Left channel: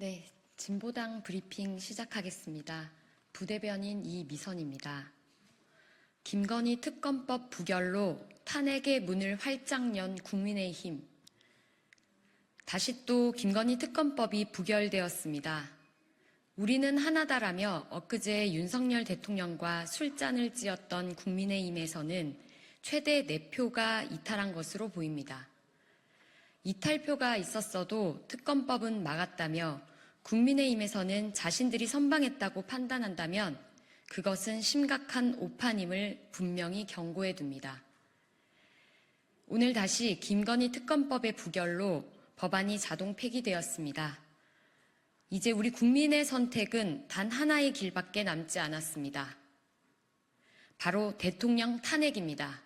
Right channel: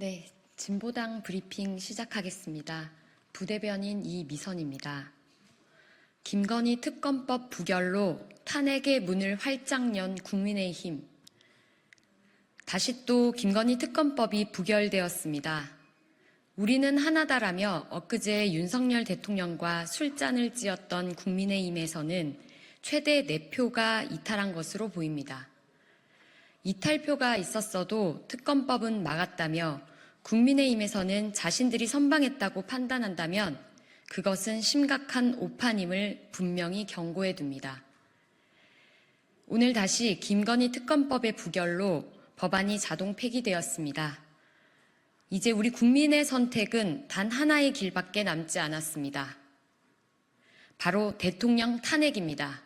네, 진보당 브리핑 시작하겠습니다. 부대변인 이미선입니다. 김건희 특검법 부결로 탄핵의 문을 활짝 연 국민의힘. 다시 또 김건희 특검법이 부결되었습니다. 우리는 하나다라며 엊그제 윤석열 대통령과 술잔을 찌었던 국민의힘에서는 최대 4표가 이탈한 것으로 보입니다. 이탈표가 있었어도 특검법은 막았다며 국민의힘에서는 자신들이 선방했다고 판단한다면 그것은 심각한 오판임을 분명히 경고해 둡니다. 오늘 다시 김건희 특검법의 부결로 법안이 자동 폐기되었습니다. 이제 우리 국민의 선택은 단 하나의 길밖에 남지 않았습니다. 바로 대통령 탄핵입니다.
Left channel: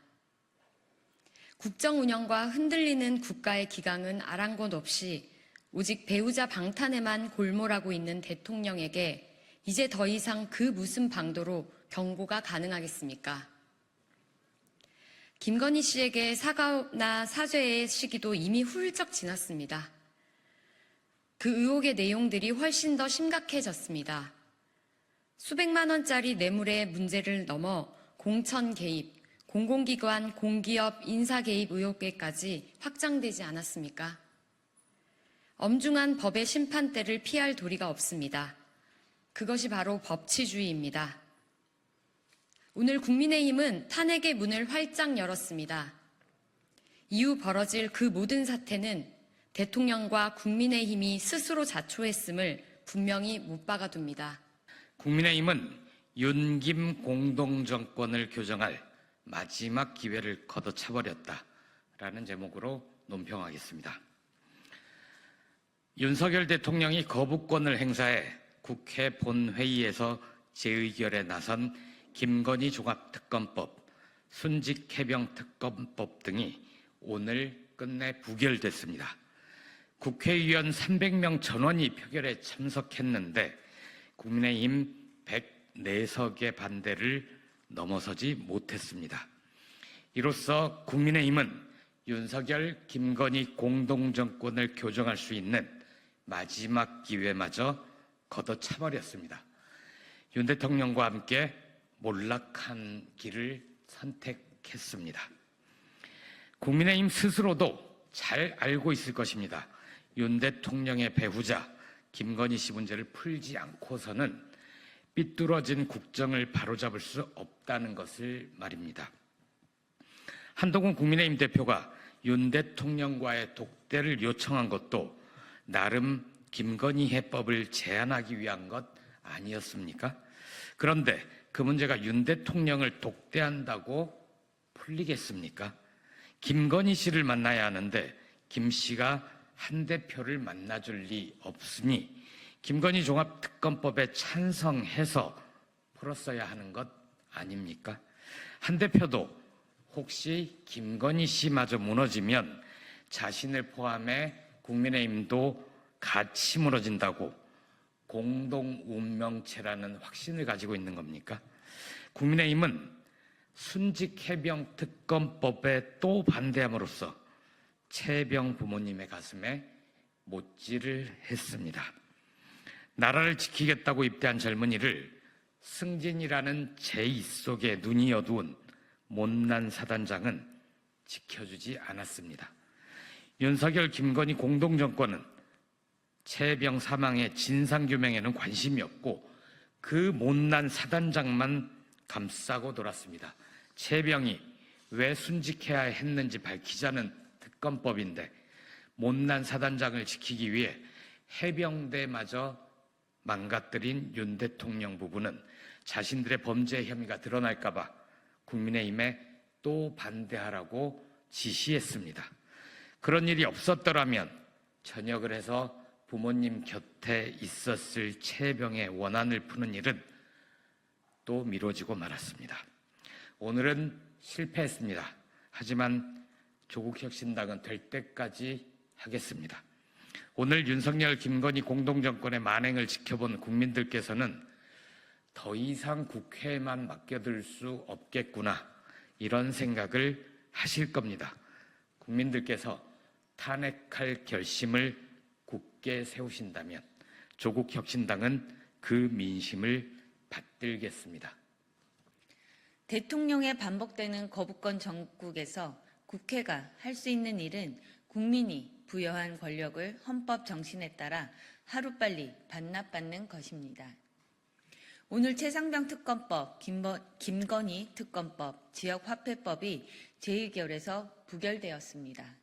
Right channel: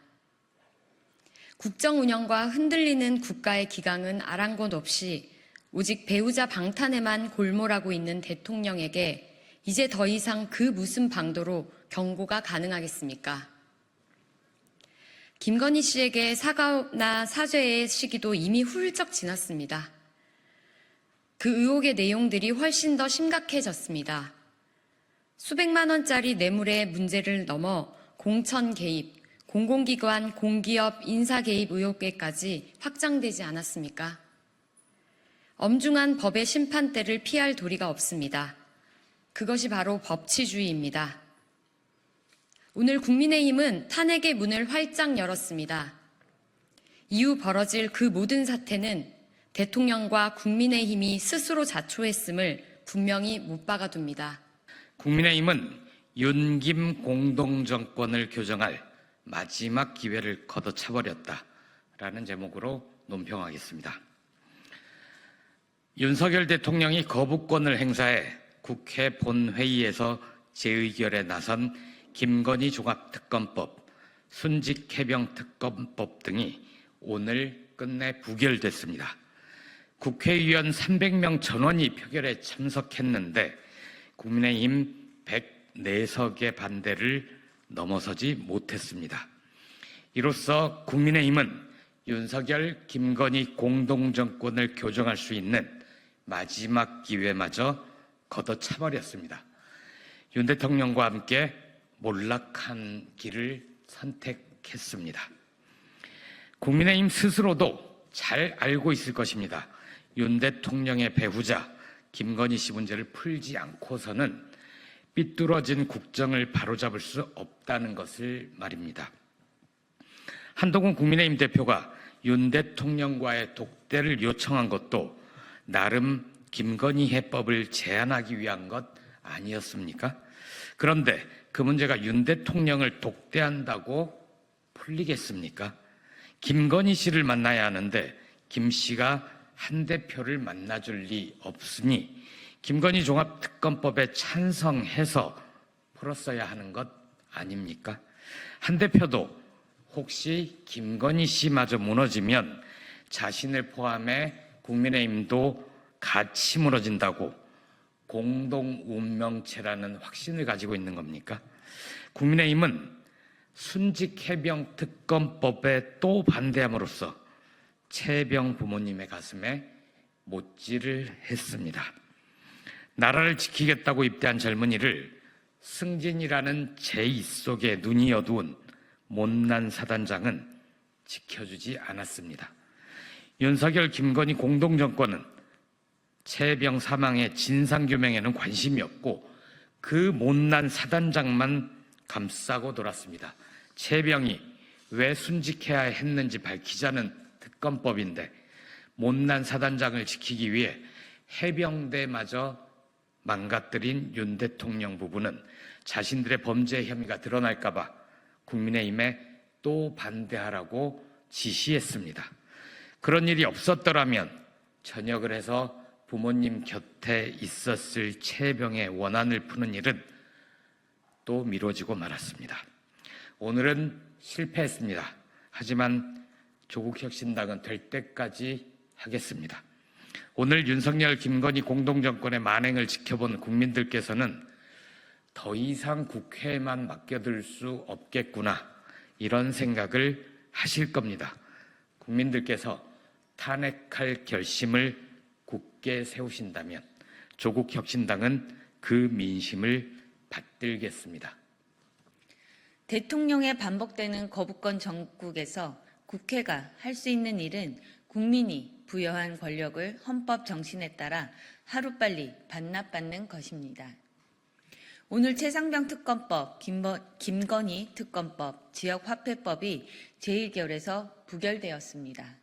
국정 운영과 흔들리는 국가의 기강은 아랑곳 없이 오직 배우자 방탄에만 골몰하고 있는 대통령에게 이제 더 이상 그 무슨 방도로 경고가 가능하겠습니까? 김건희 씨에게 사과나 사죄의 시기도 이미 훌쩍 지났습니다. 그 의혹의 내용들이 훨씬 더 심각해졌습니다. 수백만 원짜리 뇌물의 문제를 넘어 공천 개입, 공공기관, 공기업 인사 개입 의혹에까지 확장되지 않았습니까? 엄중한 법의 심판대를 피할 도리가 없습니다. 그것이 바로 법치주의입니다. 오늘 국민의힘은 탄핵의 문을 활짝 열었습니다. 이후 벌어질 그 모든 사태는 대통령과 국민의힘이 스스로 자초했음을 분명히 못 박아둡니다. 국민의힘은 윤김 공동정권을 교정할 마지막 기회를 걷어차버렸다라는 제목으로 논평하겠습니다. 윤석열 대통령이 거부권을 행사해 국회 본회의에서 재의결에 나선 김건희 종합특검법, 순직해병특검법 등이 오늘 끝내 부결됐습니다. 국회의원 300명 전원이 표결에 참석했는데 국민의힘 104석의 반대를 넘어서지 못했습니다. 이로써 국민의힘은 윤석열, 김건희 공동정권을 교정할 수 있는 마지막 기회마저 걷어차버렸습니다. 윤 대통령과 함께 몰락한 길을 선택했습니다. 국민의힘 스스로도 잘 알고 있을 것입니다. 윤 대통령의 배후자 김건희 씨 문제를 풀지 않고서는 삐뚤어진 국정을 바로잡을 수 없다는 것을 말입니다. 한동훈 국민의힘 대표가 윤 대통령과의 독대를 요청한 것도 나름 김건희 해법을 제안하기 위한 것 아니었습니까? 그런데 그 문제가 윤 대통령을 독대한다고 풀리겠습니까? 김건희 씨를 만나야 하는데 김 씨가 한 대표를 만나줄 리 없으니 김건희 종합특검법에 찬성해서 풀었어야 하는 것 아닙니까? 한 대표도 혹시 김건희 씨마저 무너지면 자신을 포함해 국민의힘도 같이 무너진다고 공동 운명체라는 확신을 가지고 있는 겁니까? 국민의힘은 순직해병특검법에 또 반대함으로써 최병 부모님의 가슴에 못질을 했습니다. 나라를 지키겠다고 입대한 젊은이를 승진이라는 제2 속에 눈이 어두운 못난 사단장은 지켜주지 않았습니다. 윤석열, 김건희 공동정권은 최병 사망의 진상규명에는 관심이 없고 그 못난 사단장만 감싸고 돌았습니다. 최병이 왜 순직해야 했는지 밝히자는 특검법인데 못난 사단장을 지키기 위해 해병대마저 망가뜨린 윤 대통령 부부는 자신들의 범죄 혐의가 드러날까 봐 국민의힘에 또 반대하라고 지시했습니다. 그런 일이 없었더라면 전역을 해서 부모님 곁에 있었을 최병의 원한을 푸는 일은 또 미뤄지고 말았습니다. 오늘은 실패했습니다. 하지만 조국혁신당은 될 때까지 하겠습니다. 오늘 윤석열, 김건희 공동정권의 만행을 지켜본 국민들께서는 더 이상 국회에만 맡겨둘 수 없겠구나 이런 생각을 하실 겁니다. 국민들께서 탄핵할 결심을 굳게 세우신다면 조국혁신당은 그 민심을 받들겠습니다. 대통령의 반복되는 거부권 정국에서 국회가 할 수 있는 일은 국민이 부여한 권력을 헌법 정신에 따라 하루빨리 반납받는 것입니다. 오늘 최상병 특검법, 김건희 특검법, 지역화폐법이 제1결에서 부결되었습니다.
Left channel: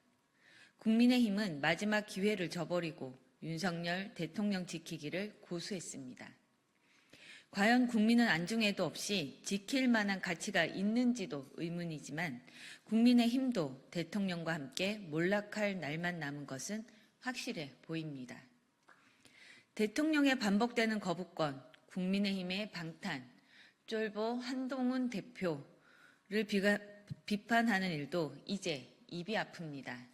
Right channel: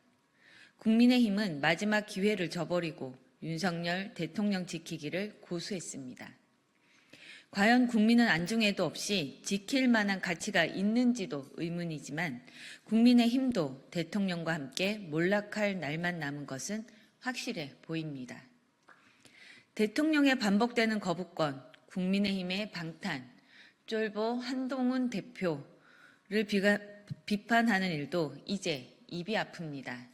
국민의힘은 마지막 기회를 저버리고 윤석열 대통령 지키기를 고수했습니다. 과연 국민은 안중에도 없이 지킬 만한 가치가 있는지도 의문이지만 국민의힘도 대통령과 함께 몰락할 날만 남은 것은 확실해 보입니다. 대통령의 반복되는 거부권, 국민의힘의 방탄, 쫄보 한동훈 대표를 비판하는 일도 이제 입이 아픕니다.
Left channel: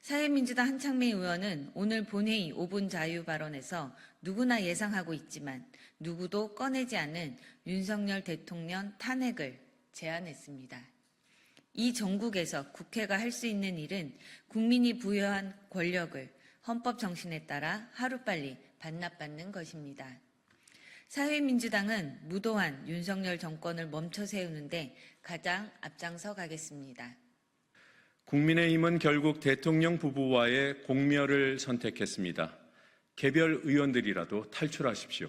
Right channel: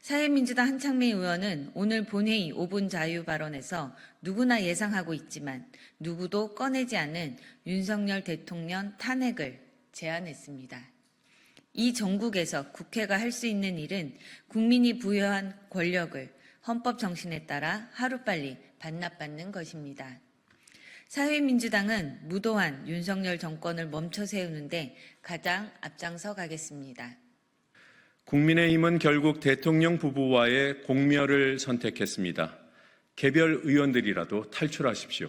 사회민주당 한창민 의원은 오늘 본회의 5분 자유 발언에서 누구나 예상하고 있지만 누구도 꺼내지 않은 윤석열 대통령 탄핵을 제안했습니다. 이 정국에서 국회가 할 수 있는 일은 국민이 부여한 권력을 헌법 정신에 따라 하루빨리 반납받는 것입니다. 사회민주당은 무도한 윤석열 정권을 멈춰 세우는데 가장 앞장서 가겠습니다. 국민의힘은 결국 대통령 부부와의 공멸을 선택했습니다. 개별 의원들이라도 탈출하십시오.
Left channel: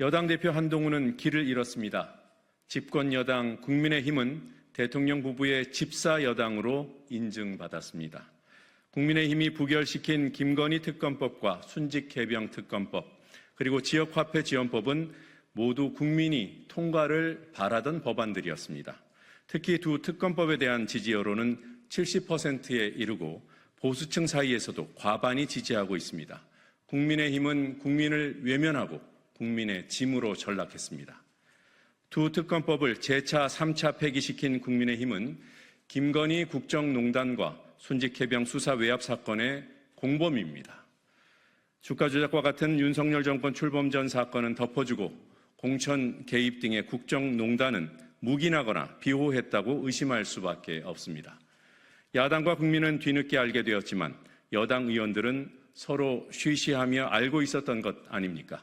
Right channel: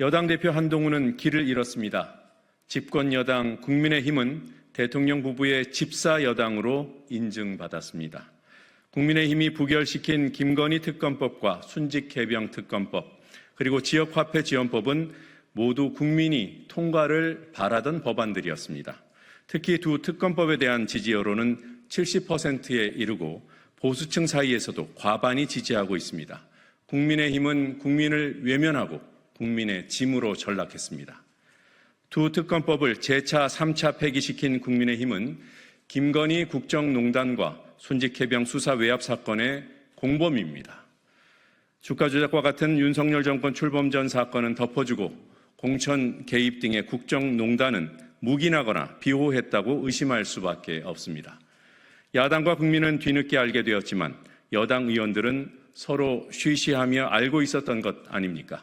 여당 대표 한동훈은 길을 잃었습니다. 집권 여당 국민의힘은 대통령 부부의 집사 여당으로 인증받았습니다. 국민의힘이 부결시킨 김건희 특검법과 순직 개병 특검법, 그리고 지역화폐 지원법은 모두 국민이 통과를 바라던 법안들이었습니다. 특히 두 특검법에 대한 지지 여론은 70%에 이르고 보수층 사이에서도 과반이 지지하고 있습니다. 국민의힘은 국민을 외면하고 국민의 짐으로 전락했습니다. 두 특검법을 재차 3차 폐기시킨 국민의힘은 김건희 국정농단과 순직해병 수사 외압 사건의 공범입니다. 주가 조작과 같은 윤석열 정권 출범 전 사건은 덮어주고 공천 개입 등의 국정농단은 묵인하거나 비호했다고 의심할 수밖에 없습니다. 야당과 국민은 뒤늦게 알게 되었지만 여당 의원들은 서로 쉬쉬하며 알고 있었던 것 아닙니까?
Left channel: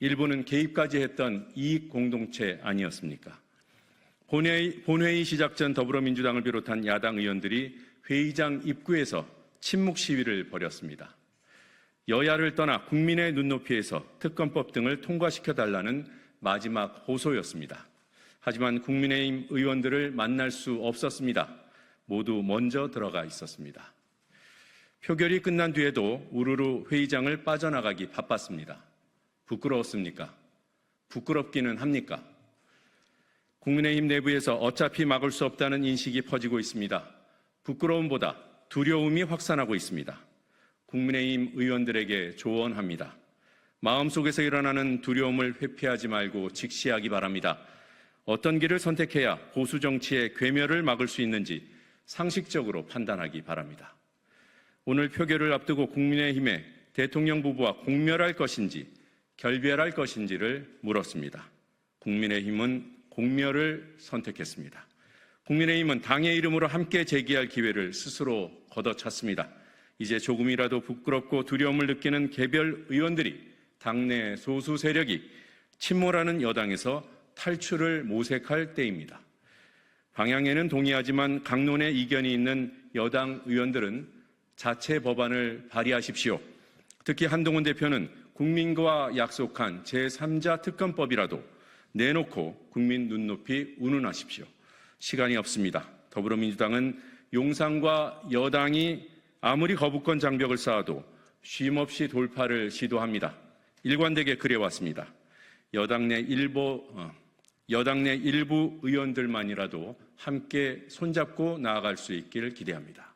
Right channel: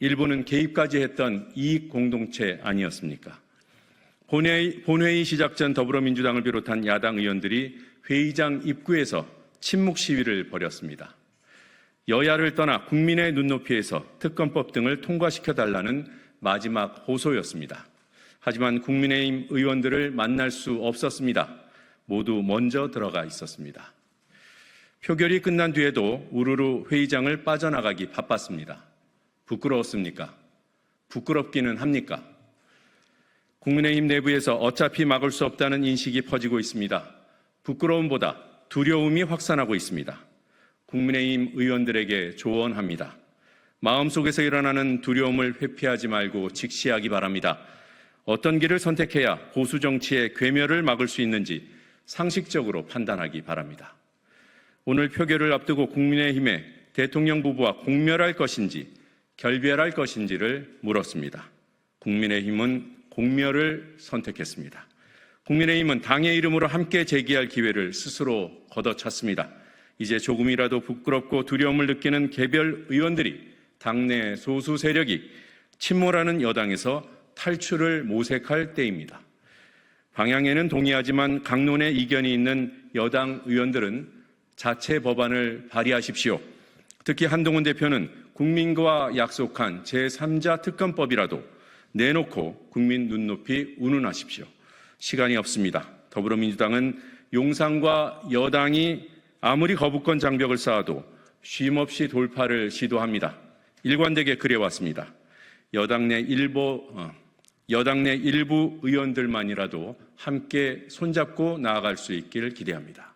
일부는 개입까지 했던 이익 공동체 아니었습니까? 본회의 시작 전 더불어민주당을 비롯한 야당 의원들이 회의장 입구에서 침묵 시위를 벌였습니다. 여야를 떠나 국민의 눈높이에서 특검법 등을 통과시켜달라는 마지막 호소였습니다. 하지만 국민의힘 의원들을 만날 수 없었습니다. 모두 먼저 들어가 있었습니다. 표결이 끝난 뒤에도 우르르 회의장을 빠져나가기 바빴습니다. 부끄러웠습니까? 부끄럽기는 합니까? 국민의힘 내부에서 어차피 막을 수 없다는 인식이 퍼지고 있습니다. 부끄러움보다 두려움이 확산하고 있습니다. 국민의힘 의원들에게 조언합니다. 마음속에서 일어나는 두려움을 회피하지 말고 직시하기 바랍니다. 어떤 길을 선택해야 보수 정치의 괴멸을 막을 수 있는지 상식적으로 판단하기 바랍니다. 오늘 표결을 앞두고 국민의힘의 대통령 부부와 공멸할 것인지 결별할 것인지를 물었습니다. 국민의힘은 공멸을 선택했습니다. 국민의힘은 당의 이름으로 함께 제기할 기회를 스스로 걷어찼습니다. 이제 조금이라도 부끄럽고 두려움을 느끼는 개별 의원들이 당내 소수 세력이 침몰하는 여당에서 탈출을 모색할 때입니다. 방향에는 동의하지만 강론에 이견이 있는 여당 의원들은 자체 법안을 발의하십시오. 특히 한동훈 대표는 국민과 약속한 제3자 특검법이라도 내놓고 국민 눈높이 운운하십시오. 시간이 없습니다. 더불어민주당은 용산과 여당이 아무리 거부권 장벽을 쌓아도 쉼없이 돌파를 시도합니다. 일관되게 그래왔습니다. 여당 내 일부 의원들만이라도 함께 손잡고 나아갈 수 있기를 기대합니다.